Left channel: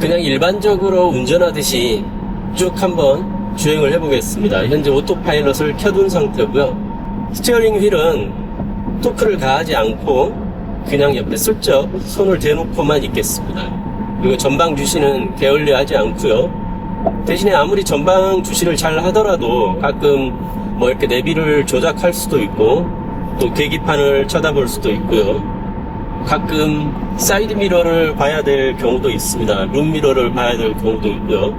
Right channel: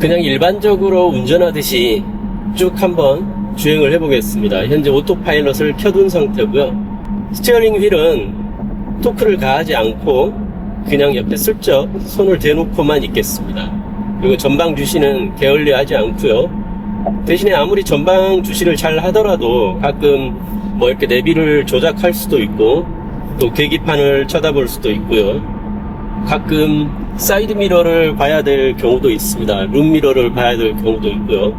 그냥 일반적으로 운전하듯이 쭉 한번 주행을 해보겠습니다. 현재 오토파일럿을 켜둔 상태고요. 스티어링 휠은 토크를 가하지 않고 그냥 옆에 슬쩍 손을 대놓고만 있겠습니다. 그리고 전방 주시는 게을리 하지 않고요. 대신에 아무리 전방 주시를 잘 하더라도 가끔 뭐 이렇게 내비를 조작할 수도 있고 또 계기판을 쳐다볼 수도 있고요. 가끔 사이드 미러를 봐야 될 경우도 있습니다. 룸 미러를 봐야 될 경우도 있고요.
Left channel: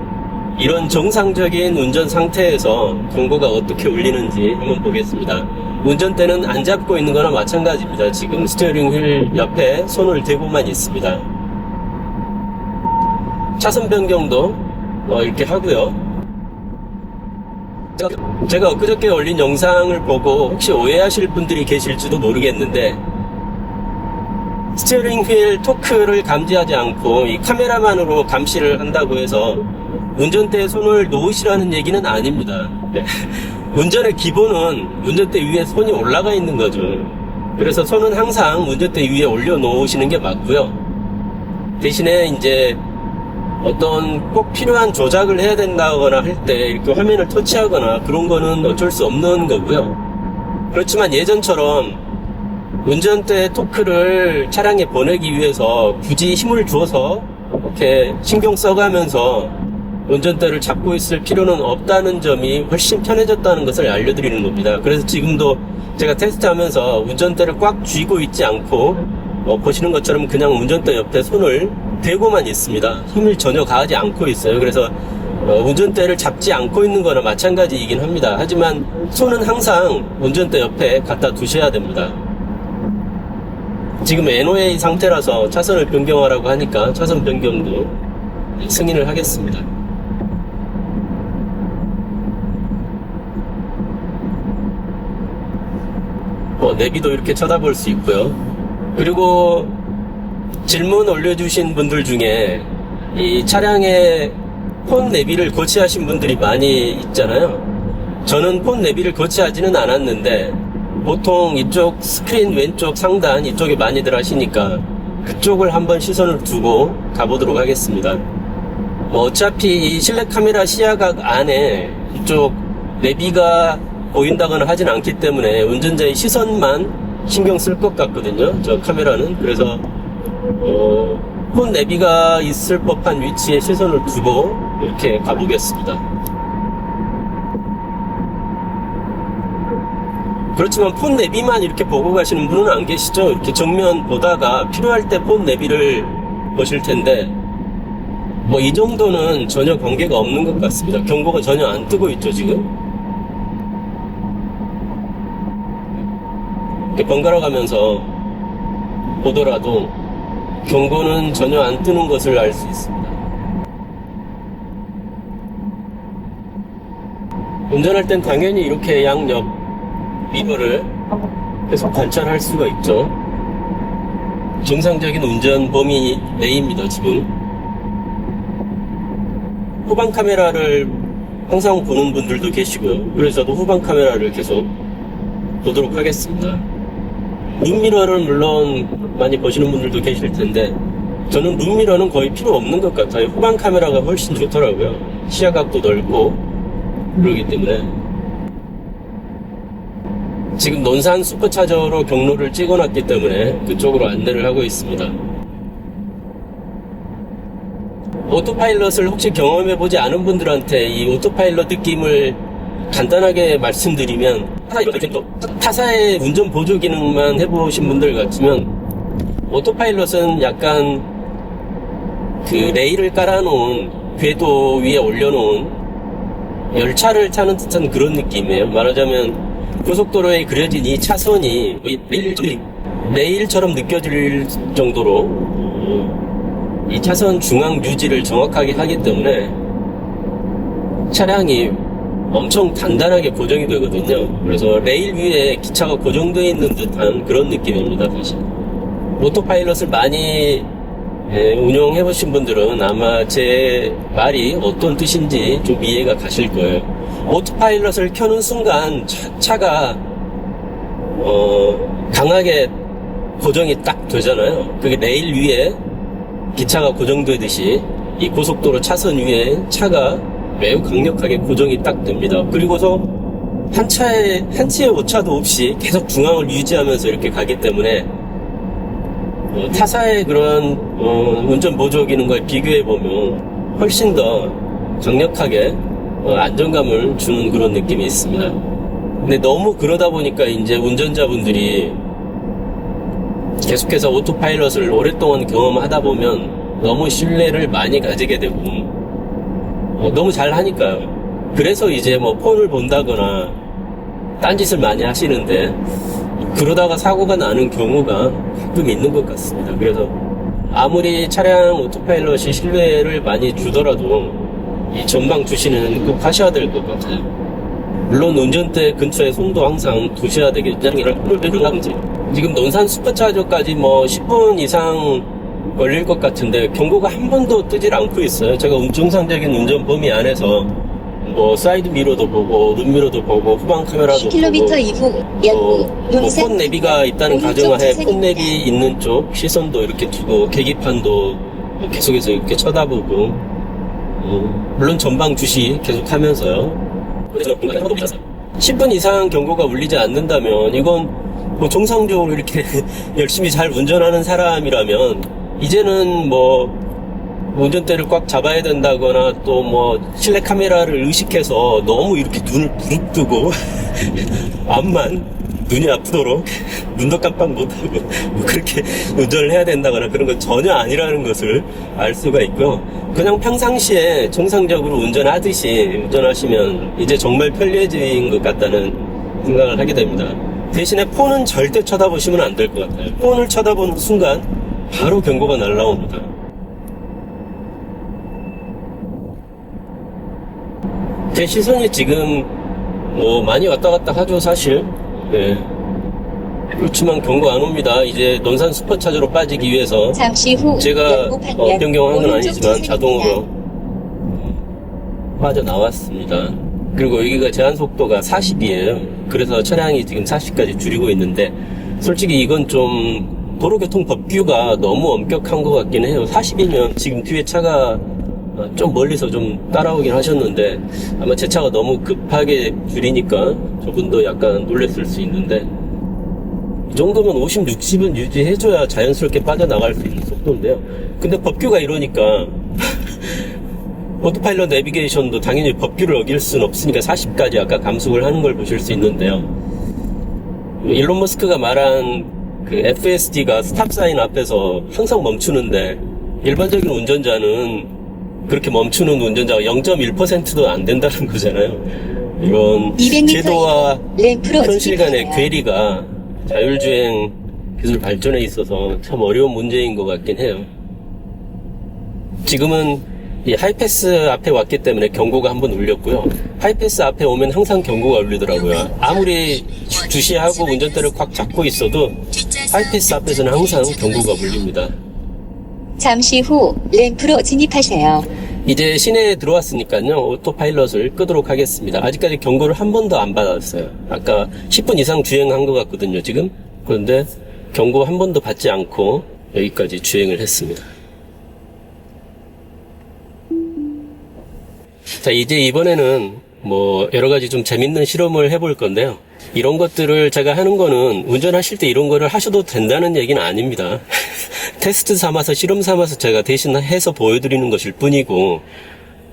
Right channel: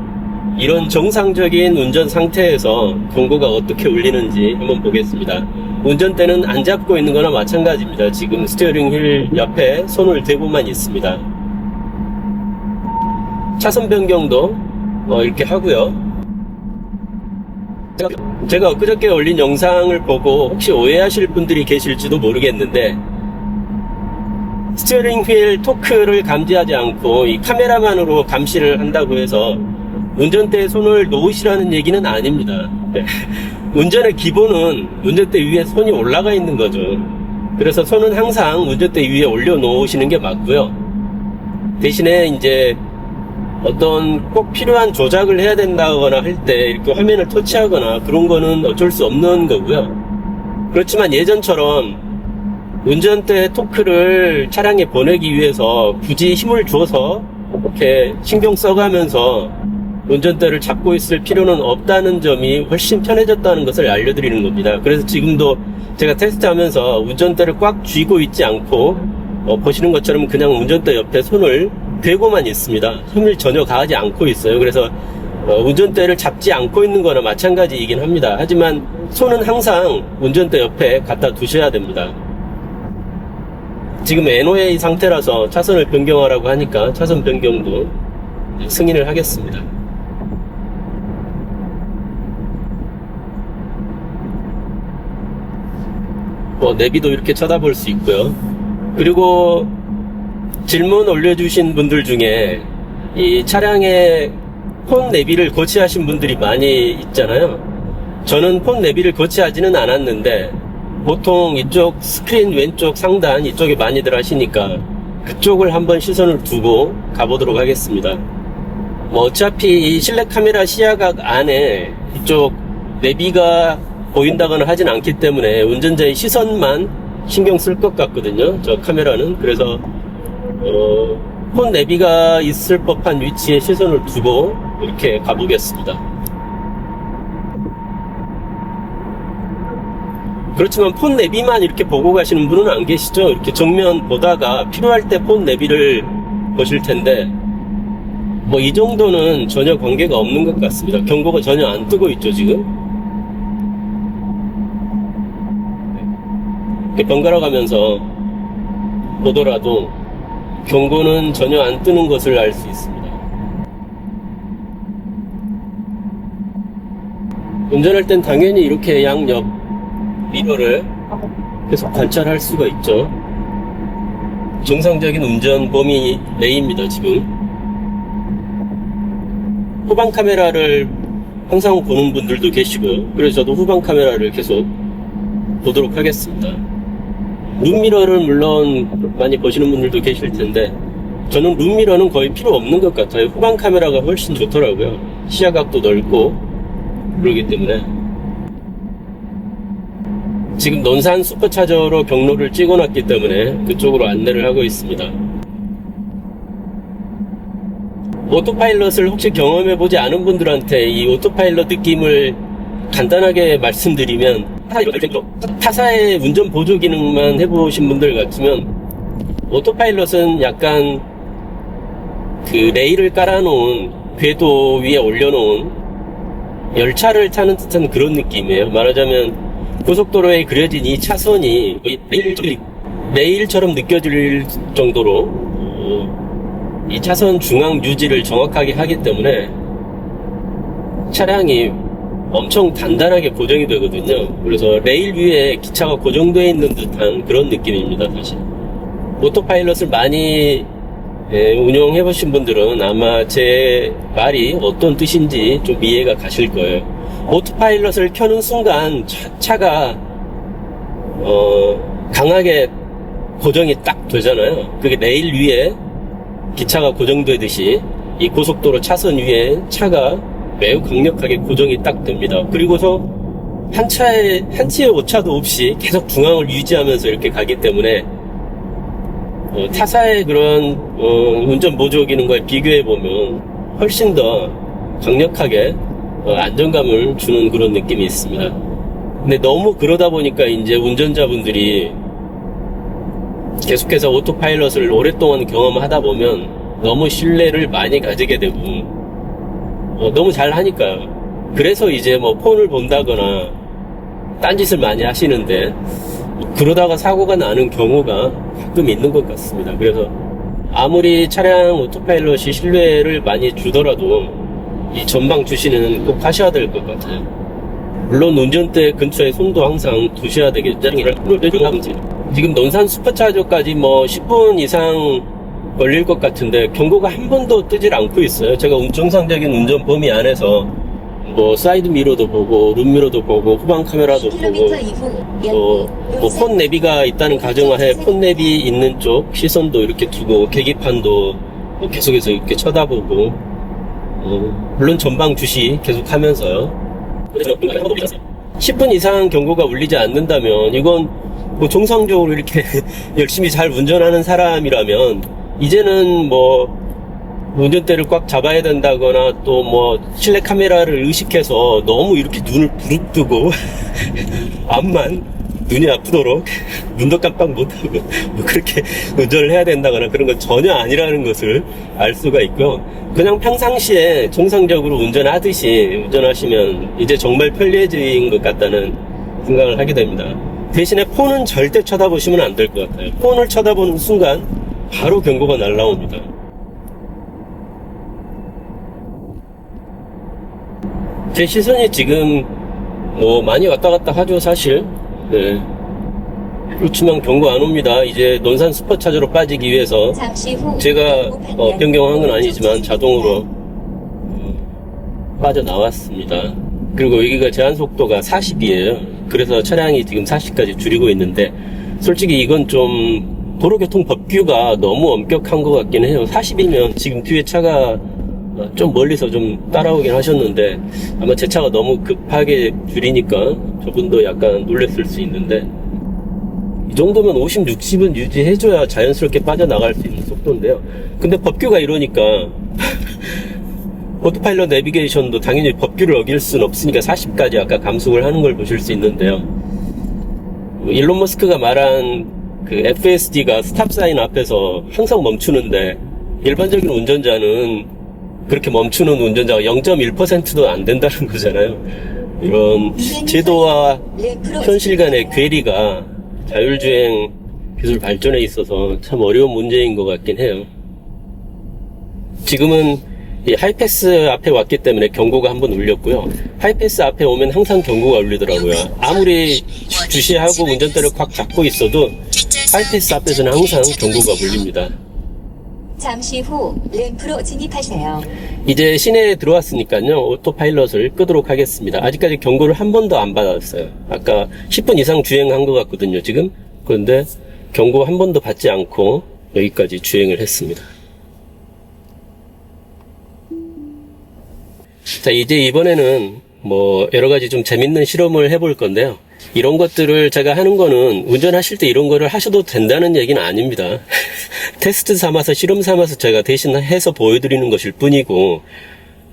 이런 정상적인 운전 상태에서 경고가 어떻게 울리는지 한번 보겠습니다. 운전대는 안 잡고 있는 거나 마찬가지입니다. 지금 스티어링 휠 옆에 손을 대고만 있습니다. 차선 변경도 어, 이렇게 하고요. 제가- 엊그저께 올린 영상을 보고 혹시 오해하실 분들이 계실지도 모르겠는데 스티어링 휠 토크를 감지하지 않고 이 카메라만으로 감시를 한다고 해서 운전대에 손을 놓으시라는 얘기는 아닙니다. 운전의 기본은 운전대 위에 손이 올라가 있는 거죠. 그래서 손은 항상 운전대 위에 올려놓으시는 게 맞고요. 대신에 이제 어떤 꼭 필요한 조작을 해야 된다거나 할 때 이렇게 화면을 터치하거나 그런 거는 어쩔 수 없는 거고요. 그렇지만 예전처럼 운전대 토크를 차량에 보내기 위해서 굳이 힘을 줘서 이렇게 신경 써가면서 운전대를 잡고 있을 필요는 없다는 점이 훨씬 편해졌다는 것을 알려드리는 겁니다. 그래서 지금도 제가 테스트하면서 운전대를 꽉 쥐고 있지 않고 어, 보시는 것처럼 그냥 운전대 옆에 손을 대고만 있습니다. 힘을 전혀 가하지 않고 있어요. 그래서 어, 운전대를 잡지 않고 있는 거나 마찬가지이긴 합니다. 하지만 손은 항상 운전대 옆에 갖다 두셔야 됩니다. 지금 NOA 상태라서 차선을 변경하라고 하니까 차선 변경도 승인을 하겠습니다. 뭐 내비도 이렇게 쳐다볼 수 있고요. 그리고 질문 올려주신 분들 중에 이 차량에 폰 내비를 거치하신 분들이 많이 있잖아요. 저는 폰 내비를 거치하지는 않았는데 보통 이쪽 스크린 왼쪽 상단 이쪽에 많이들 하시니까 그쪽을 한번 시선을 두고 가보도록 하겠습니다. 뭐 어차피 이 실내 카메라 시야각 안에 이쪽 내비가 보인다거나 하진 않기 때문에 운전자의 시선만 신경 쓸 것 같거든요. 저 카메라는 그래서 어, 폰 내비가 있을 법한 위치에 시선을 두고 이렇게 가보겠습니다. 그렇지만 폰 내비만 이렇게 보고 가시는 분은 안 계시죠? 이렇게 정면 보다가 필요할 때 폰 내비를 보실 텐데 뭐 이 정도는 전혀 관계가 없는 것 같습니다. 경고가 전혀 안 뜨고 있죠 지금. 이렇게 번갈아 가면서 보더라도 경고는 전혀 안 뜨는 것을 알 수 있습니다. 운전할 땐 당연히 이렇게 양옆 미러를 계속 관찰할 수가 있죠. 정상적인 운전 범위 내입니다, 지금. 후방 카메라를 항상 보는 분들도 계시고요. 그래서 저도 후방 카메라를 계속 보도록 하겠습니다. 룸미러를 물론 많이 보시는 분들도 계실 텐데 저는 룸미러는 거의 필요 없는 것 같아요. 후방 카메라가 훨씬 좋더라고요. 시야각도 넓고 그러기 때문에 지금 논산 슈퍼차저로 경로를 찍어놨기 때문에 그쪽으로 안내를 하고 있습니다. 오토파일럿을 혹시 경험해보지 않은 분들한테 이 오토파일럿 느낌을 간단하게 말씀드리면 타사의 운전 보조 기능만 해보신 분들 같으면 오토파일럿은 약간 그 레일을 깔아놓은 궤도 위에 올려놓은 열차를 타는 듯한 그런 느낌이에요. 말하자면 고속도로에 그려진 이 차선이 레일, 레일처럼 느껴질 정도로 어, 이 차선 중앙 유지를 정확하게 하기 때문에 차량이 엄청 단단하게 고정이 되거든요. 그래서 레일 위에 기차가 고정되어 있는 듯한 그런 느낌입니다, 사실. 오토파일럿을 많이 예, 운영해 보신 분들은 아마 제 말이 어떤 뜻인지 좀 이해가 가실 거예요. 오토파일럿을 켜는 순간 차, 가 어, 강하게 고정이 딱 되잖아요. 그게 레일 위에 기차가 고정되듯이 이 고속도로 차선 위에 차가 매우 강력하게 고정이 딱 됩니다. 그리고서 한 차에, 한 치의 오차도 없이 계속 중앙을 유지하면서 이렇게 가기 때문에 어, 타사의 그런 어, 운전 보조 기능과 비교해 보면 훨씬 더 강력하게 어, 안정감을 주는 그런 느낌이 있습니다. 근데 너무 그러다 보니까 이제 운전자분들이 계속해서 오토파일럿을 오랫동안 경험하다 보면 너무 신뢰를 많이 가지게 되고 어, 너무 잘 하니까요. 그래서 이제 뭐 폰을 본다거나 딴짓을 많이 하시는데 그러다가 사고가 나는 경우가 가끔 있는 것 같습니다. 그래서 아무리 차량 오토파일럿이 신뢰를 많이 주더라도 이 전방 주시는 꼭 하셔야 될 것 같아요. 물론 운전대 근처에 손도 항상 두셔야 되겠죠. 지금 논산 슈퍼차저까지 뭐 10분 이상 걸릴 것 같은데 경고가 한 번도 뜨질 않고 있어요. 제가 정상적인 운전 범위 안에서 뭐 사이드 미러도 보고 룸미러도 보고 후방 카메라도 10km 보고 이후 어, 약또 논산 폰 내비가 있다는 오른쪽 가정하에. 폰 내비 있는 쪽 시선도 이렇게 두고 계기판도 뭐 계속해서 이렇게 쳐다보고 어, 물론 전방 주시 계속 하면서요. 그래서 10분 이상 경고가 울리지 않는다면 이건 뭐 정상적으로 이렇게 열심히 잘 운전하는 사람이라면 이제는 뭐 운전대를 꽉 잡아야 된다거나 또 뭐 실내 카메라를 의식해서 너무 이렇게 눈을 부릅뜨고 앞만 눈이 아프도록 눈도 깜빡 못하고 뭐 그렇게 운전을 해야 된다거나 그런 건 전혀 아니라는 것을 알 수가 있고 그냥 평상시에 정상적으로 운전하듯이 운전하시면 이제 정말 편리해진 것 같다는 생각을 하게 됩니다. 대신에 폰은 절대 쳐다보시면 안 될 것 같아요. 폰을 쳐다보는 순간 바로 경고가 날라옵니다. 제 시선이 지금 뭐 많이 왔다 갔다 하죠 사실. 네. 그렇지만 경고 안 옵니다. 이제 논산 슈퍼차저로 빠지기 위해서 잠시 후 제가 어, 변경한 건 아니지만. 자동으로 어, 빠져나왔습니다. 그리고 여기가 제한 속도가 40이에요. 그래서 차량이 지금 40까지 줄이고 있는데 솔직히 이건 좀 도로교통 법규가 너무 엄격한 것 같긴 해요. 40이면 지금 뒤에 차가 어, 좀 멀리서 좀 따라오긴 하셨는데 아마 제 차가 너무 급하게 줄이니까 저분도 약간 놀랬을 수 있는데 이 정도면 50, 60은 유지해줘야 자연스럽게 빠져나갈 수 있는 속도인데요. 근데 법규가 이러니까 오토파일럿 내비게이션도 당연히 법규를 어길 수는 없으니까 40까지 아까 감속을 하는 걸 보실 수 있는데요. 일론 머스크가 말한 그 FSD가 스탑 사인 앞에서 항상 멈추는데 일반적인 운전자는 그렇게 멈추는 운전자가 0.1%도 안 된다는 거잖아요. 이건 200m 제도와 램프로 현실 간의. 괴리가 자율주행 기술 발전에 있어서 참 어려운 문제인 것 같긴 해요. 지금은 이 하이패스 앞에 왔기 때문에 경고가 한번 울렸고요. 하이패스 앞에 오면 항상 경고가 울리더라고요. 아무리 주시하고 운전대를 꽉 잡고 있어도 하이패스 앞에서는 항상 경고가 울립니다. 잠시 후 램프로 진입하세요. 이제 시내에 들어왔으니까요. 오토파일럿을 끄도록 하겠습니다. 아직까지 경고를 한 번도 안 받았어요. 아까 10분 이상 주행한 것 같거든요 지금. 그런데 경고 한 번도 받지 않고 여기까지 주행을 했습니다. 자 이제 이번에는 뭐 여러 가지 좀 재밌는 실험을 해볼 건데요 이런 것들을 제가 하는 거는 운전하실 때 이런 거를 하셔도 된다는 얘기는 아닙니다. 테스트 삼아서 실험 삼아서 제가 대신 해서 보여드리는 것일 뿐이고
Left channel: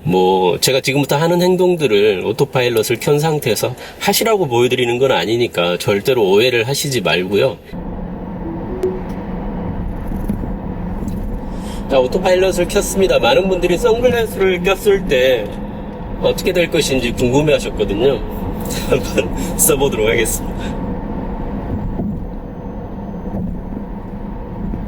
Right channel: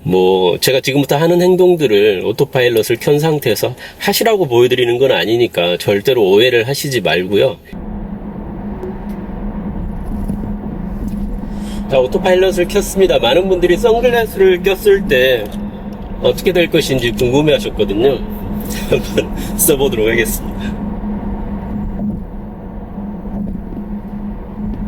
뭐 제가 지금부터 하는 행동들을 오토파일럿을 켠 상태에서 하시라고 보여드리는 건 아니니까 절대로 오해를 하시지 말고요. 자 오토파일럿을 켰습니다. 많은 분들이 선글라스를 꼈을 때 어떻게 될 것인지 궁금해 하셨거든요. 한번 써보도록 하겠습니다.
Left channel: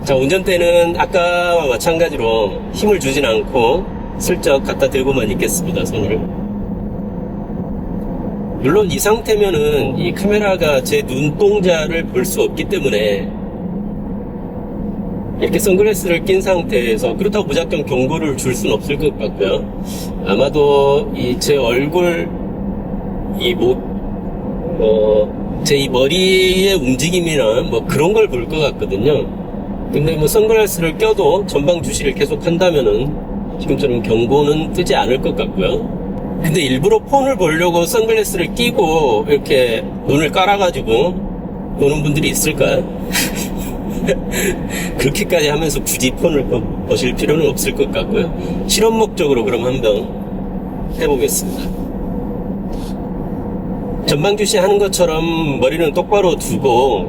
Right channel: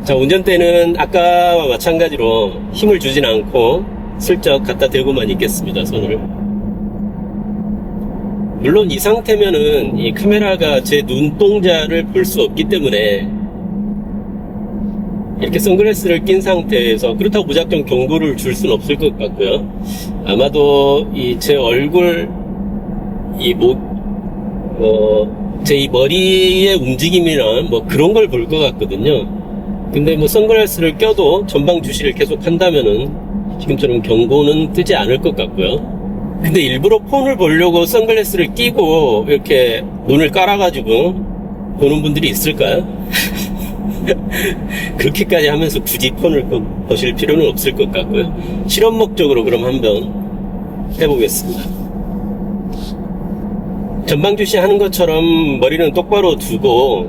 자, 운전대는 아까와 마찬가지로 힘을 주진 않고 슬쩍 갖다 대고만 있겠습니다, 손을. 물론 이 상태면은 이 카메라가 제 눈동자를 볼 수 없기 때문에 이렇게 선글라스를 낀 상태에서 그렇다고 무작정 경고를 줄 수는 없을 것 같고요. 아마도 이 제 얼굴 이 목, 어, 제 이 머리의 움직임이나 뭐 그런 걸 볼 것 같거든요. 근데 뭐 선글라스를 껴도 전방 주시를 계속 한다면은 지금처럼 경고는 뜨지 않을 것 같고요. 근데 일부러 폰을 보려고 선글라스를 끼고 이렇게 눈을 깔아가지고 보는 분들이 있을까요? 그렇게까지 하면서 굳이 폰을 보- 보실 필요는 없을 것 같고요. 실험 목적으로 그럼 한번 해보겠습니다. 전방 주시 하는 것처럼 머리는 똑바로 두고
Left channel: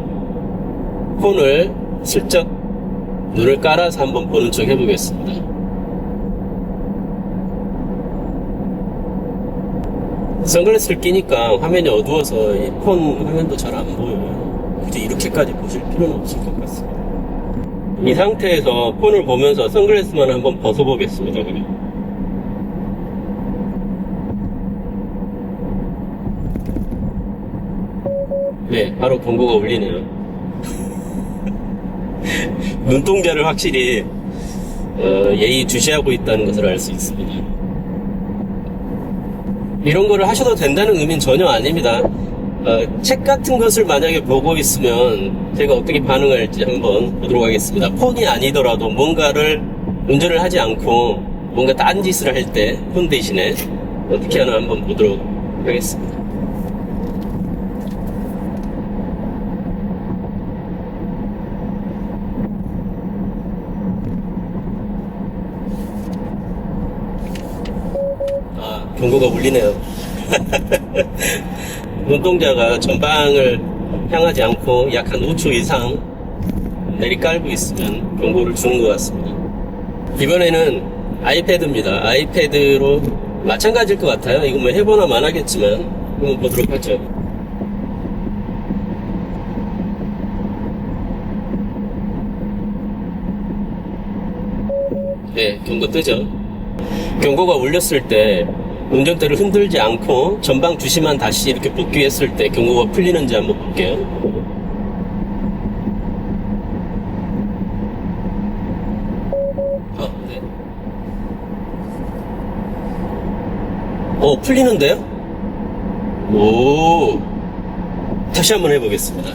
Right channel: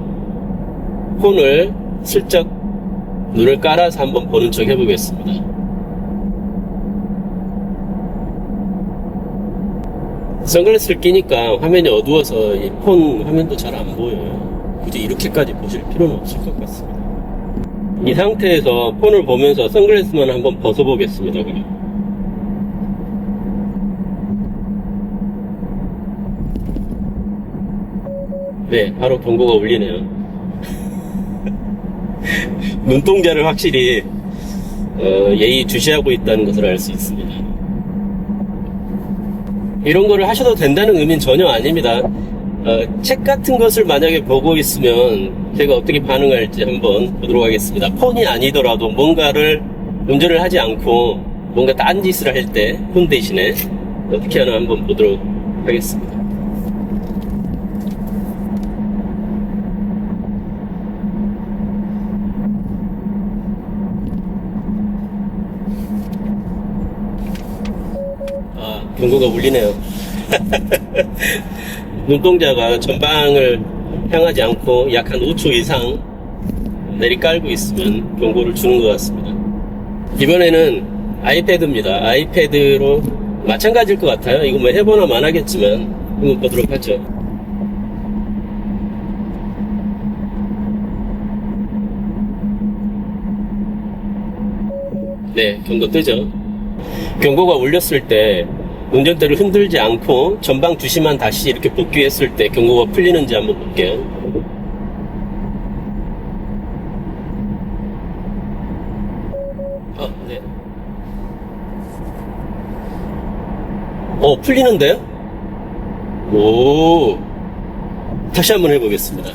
폰을 슬쩍 눈을 깔아서 한번 보는 척 해보겠습니다. 선글라스를 끼니까 화면이 어두워서 이 폰 화면도 잘 안 보여요. 굳이 이렇게까지 보실 필요는 없을 것 같습니다. 이 상태에서 폰을 보면서 선글라스만 한번 벗어보겠습니다. 그냥. 네, 바로 경고가 울리네요. 눈동자를 확실히 어, 예의 주시하고 있다는 것을 알 수 있습니다. 이런 거를 하셔도 된다는 의미는 전혀 아닙니다. 어, 책 같은 것을 만약에 보고 있으면 제가 어떻게 반응할지 한번 보도록 하겠습니다. 폰이 아니더라도 뭔가를 운전을 하지 않고 뭔가 딴 짓을 할 때 폰 대신에 어떻게 하나 한번 보도록 하겠습니다. 아, 경고가 울리네요. 눈동자가 전방을 향하지 않고 약 한 5초 이상 내리깔고 있으면 경고를 주는 것 같습니다. 이번에는 아이패드입니다. 아이패드로 마찬가지일 것 같아요. 이거 뭐 해보나 만 하겠지만 한번 보도록 하죠. 네, 경고 뜨죠. 경고가 울렸을 때 운전대를 흔들지 않고 전방 주시만 다시 이렇게 복귀했을 때 경고가 풀리는지 한번 볼게요. 어, 네. 어, 풀리는데요? 오. 다시 한번 해보겠습니다.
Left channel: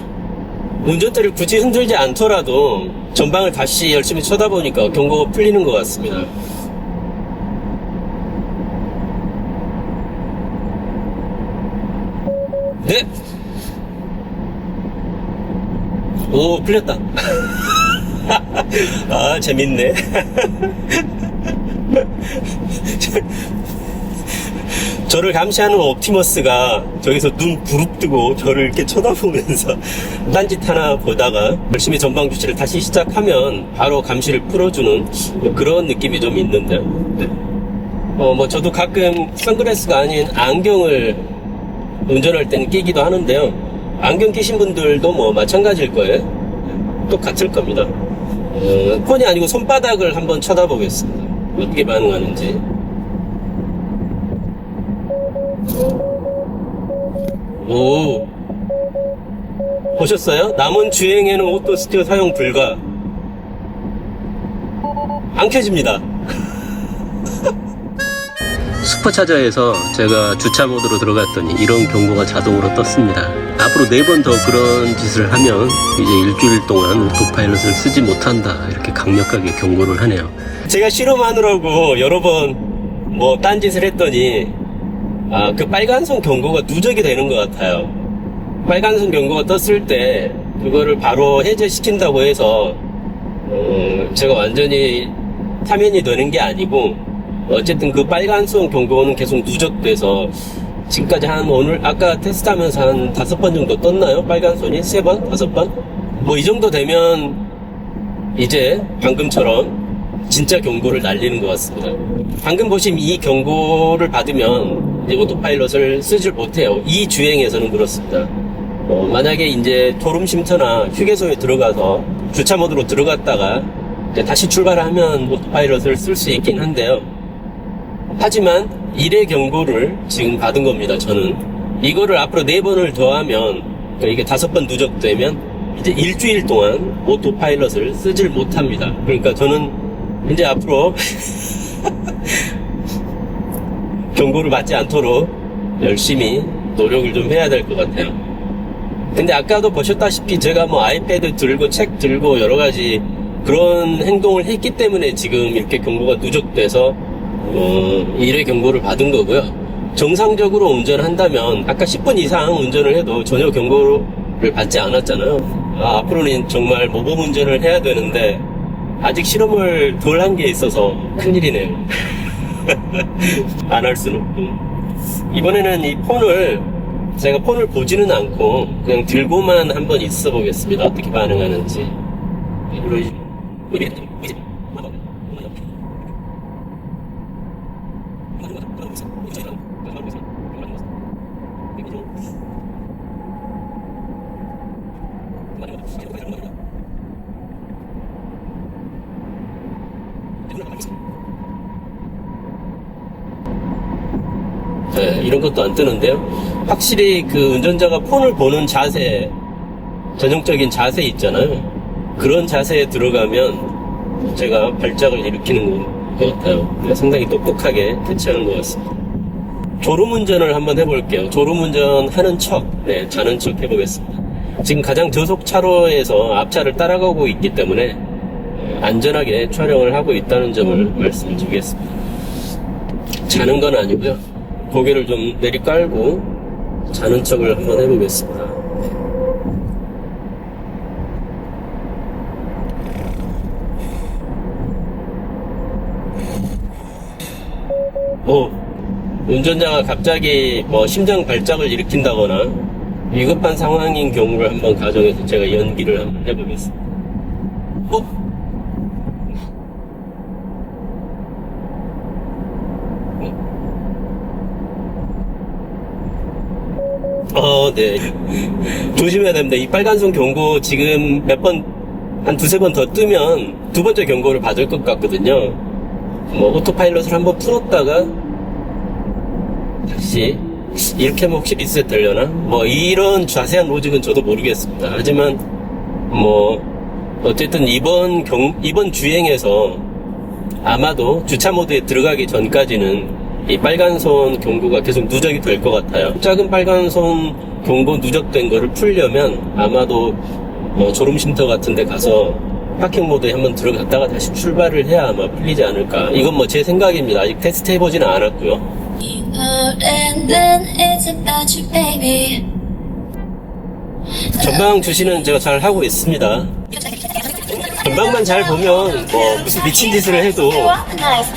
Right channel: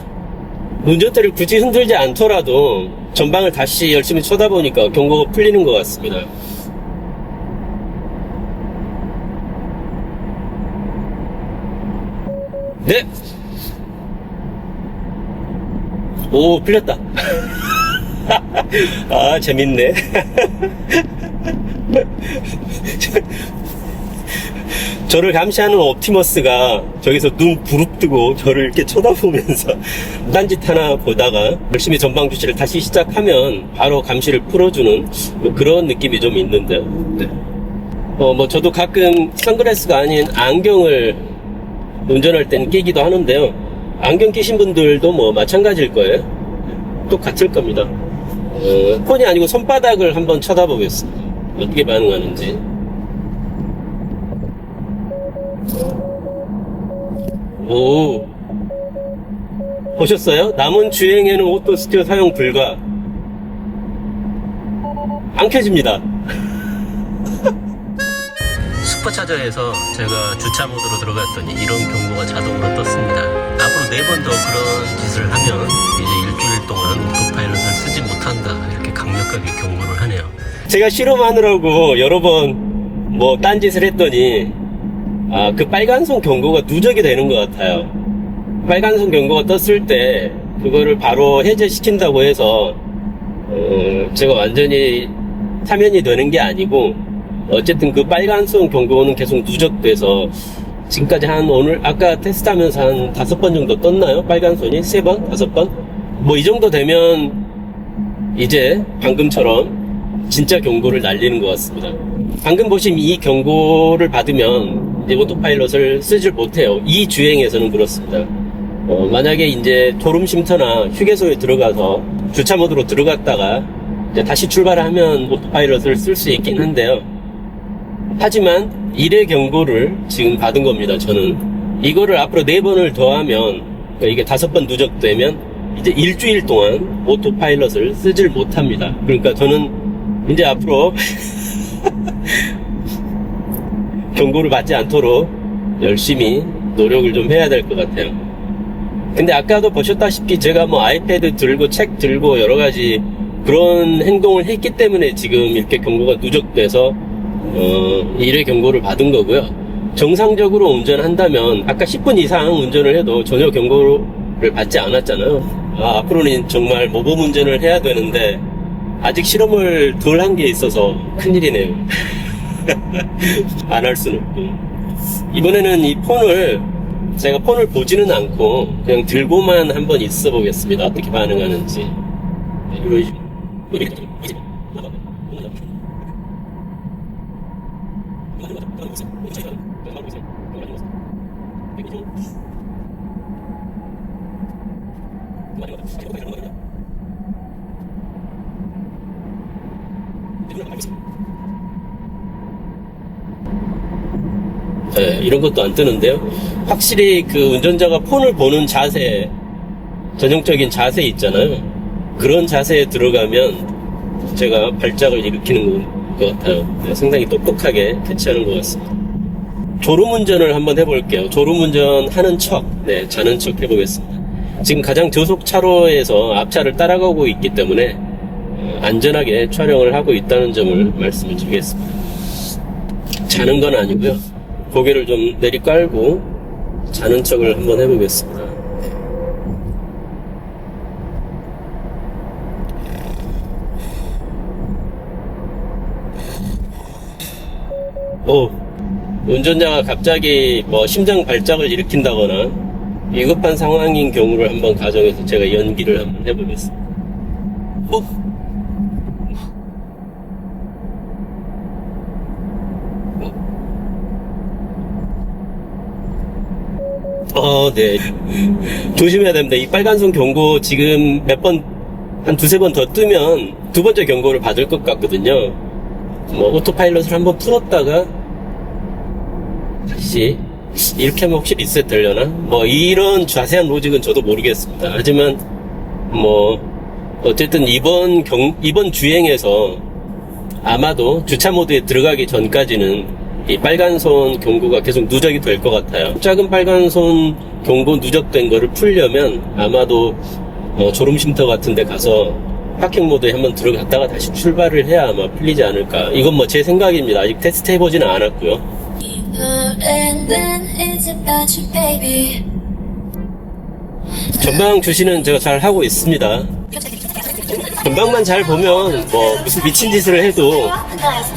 운전대를 굳이 흔들지 않더라도 전방을 다시 열심히 쳐다보니까 경고가 풀리는 것 같습니다. 네. 오, 풀렸다. 아, 재밌네. 저를 감시하는 옵티머스가 저기서 눈 부릅뜨고 저를 이렇게 쳐다보면서 딴짓 하나 보다가 열심히 전방 주시를 다시 시작하면 바로 감시를 풀어주는 뭐 그런 느낌이 좀 있는데요. 네. 어, 뭐 저도 가끔 선글라스가 아닌 안경을 운전할 때는 끼기도 하는데요. 안경 끼신 분들도 뭐 마찬가지일 거예요. 똑같을 겁니다. 어, 폰이 아니고 손바닥을 한번 쳐다보겠습니다. 어떻게 반응하는지. 오. 보셨어요? 남은 주행에는 오토 스티어 사용 불가. 안 켜집니다. 슈퍼차저에서 제가 주차 모드로 들어갔더니 이런 경고가 자동으로 떴습니다. 앞으로 네 번 더 그런 짓을 하면 이제 일주일 동안 오토파일럿을 쓰지 못한다 이렇게 강력하게 경고를 하네요. 제가 실험하느라고 여러 번 뭐 딴짓을 했더니 아, 그 빨간선 경고가 누적이 되는 것 같아요. 빨간선 경고가 떴을 때 그거를 바로 해제시킨다고 해서 어, 제가 완전히 사면이 되는 게 아니고 어쨌든 그 빨간선 경고는 계속 누적돼서 지금까지 한 오늘 아까 테스트하면서 한 다섯 번 정도 떴나요? 빨간선이 세 번, 다섯 번? 뭐 이 정도 되면 이제 방금처럼 진짜 경고를 날리는 것 같습니다. 방금 보신 이 경고를 받으면 이제 오토파일럿을 쓰질 못해요. 이 주행에서는 그렇습니다. 어, 만약에 이제 졸음 쉼터나 휴게소에 들어가서 주차 모드로 들어갔다가 다시 출발하면 오토파일럿을 쓸 수 있긴 한데요. 하지만 1회 경고를 지금 받은 겁니다, 저는. 이거를 앞으로 4번을 더하면, 그러니까 이게 다섯 번 누적되면, 이제 일주일 동안 오토파일럿을 쓰질 못합니다. 그러니까 저는 이제 앞으로 경고를 받지 않도록 열심히 노력을 좀 해야 될 것 같아요. 근데 아까도 보셨다시피 제가 뭐 아이패드 들고 책 들고 여러 가지 그런 행동을 했기 때문에 지금 이렇게 경고가 누적돼서 어, 1회 경고를 받은 거고요. 정상적으로 운전한다면 아까 10분 이상 운전을 해도 전혀 경고를 받지 않았잖아요. 아, 앞으로는 정말 모범 운전을 해야 되는데 아직 실험을 덜 한 게 있어서 큰일이네요. 안 할 수는 없고. 이번에는 이 폰을 제가 폰을 보지는 않고 그냥 들고만 한번 있어 보겠습니다. 어떻게 반응하는지. 우리 우리 우리 네, 이런 것도 안 뜨는데요. 확실히 그 운전자가 폰을 보는 자세, 전형적인 자세 있잖아요. 그런 자세에 들어가면 제가 발작을 일으키는 것 같아요. 네, 상당히 똑똑하게 대처하는 것 같습니다. 졸음 운전을 한번 해볼게요. 졸음 운전 하는 척, 네, 자는 척 해보겠습니다. 지금 가장 저속 차로에서 앞차를 따라가고 있기 때문에 안전하게 촬영을 하고 있다는 점을 말씀을 드리겠습니다. 자는 건 아니고요. 고개를 좀 내리깔고 자는 척을 한번 해보겠습니다. 뭐 운전자가 갑자기 뭐 심장 발작을 일으킨다거나 위급한 상황인 경우를 한번 가정해서 제가 연기를 한번 해보겠습니다. 어? 어, 네. 조심해야 됩니다. 이 빨간선 경고 지금 몇 번, 한 두세 번 더 뜨면 두 번째 경고를 받을 것 같거든요. 뭐, 오토파일럿을 한번 풀었다가 다시 이렇게 하면 혹시 리셋 되려나? 뭐, 이런 자세한 로직은 저도 모르겠습니다. 하지만, 뭐, 어쨌든 이번 경, 이번 주행에서 아마도 주차 모드에 들어가기 전까지는 이 빨간선 경고가 계속 누적이 될 것 같아요. 작은 빨간선 경고 누적된 거를 풀려면 아마도 어, 졸음쉼터 같은 데 가서 파킹 모드에 한번 들어갔다가 다시 출발을 해야 아마 풀리지 않을까. 이건 뭐 제 생각입니다. 아직 테스트 해보지는 않았고요. 전방 주시는 저잘 하고 있습니다. 전방만 잘 보면 뭐 무슨 미친 짓을 해도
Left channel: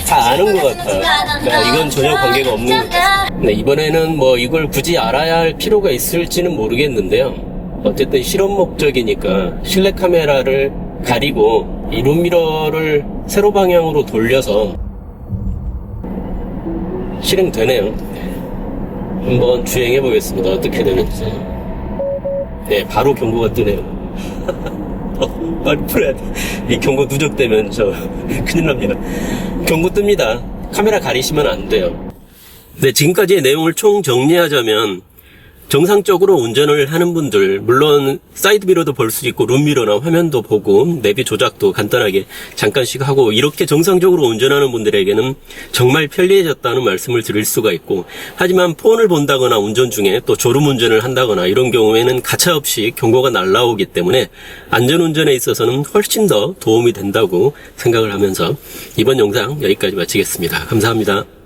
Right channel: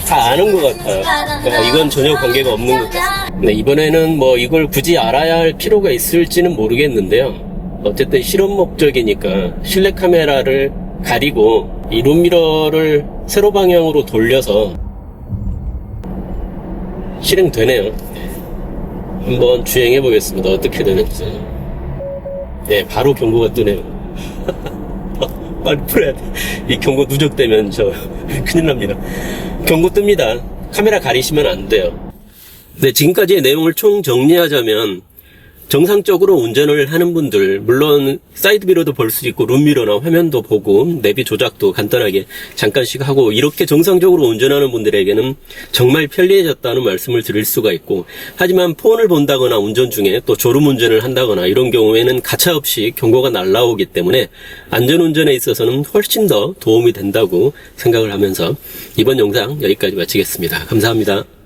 다 아는 것 같아요. 그러니까 이건 전혀 관계가 없는 것 같아요. 네, 이번에는 뭐 이걸 굳이 알아야 할 필요가 있을지는 모르겠는데요. 어쨌든 실험 목적이니까 실내 카메라를 가리고 이 룸미러를 세로 방향으로 돌려서 실행되네요. 한번 주행해 보겠습니다. 어떻게 되는지. 네, 바로 경고가 뜨네요. 어, 빨리 풀어야 돼. 이 경고 누적되면 저 큰일 납니다. 경고 뜹니다. 카메라 가리시면 안 돼요. 네, 지금까지의 내용을 총 정리하자면 정상적으로 운전을 하는 분들 물론 사이드미러도 볼 수 있고 룸미러나 화면도 보고 내비 조작도 간단하게 잠깐씩 하고 이렇게 정상적으로 운전하는 분들에게는 정말 편리해졌다는 말씀을 드릴 수가 있고 하지만 폰을 본다거나 운전 중에 또 졸음 운전을 한다거나 이런 경우에는 가차없이 경고가 날라오기 때문에 안전 운전에 있어서는 훨씬 더 도움이 된다고 생각을 하면서 이번 영상 여기까지 마치겠습니다. 감사합니다.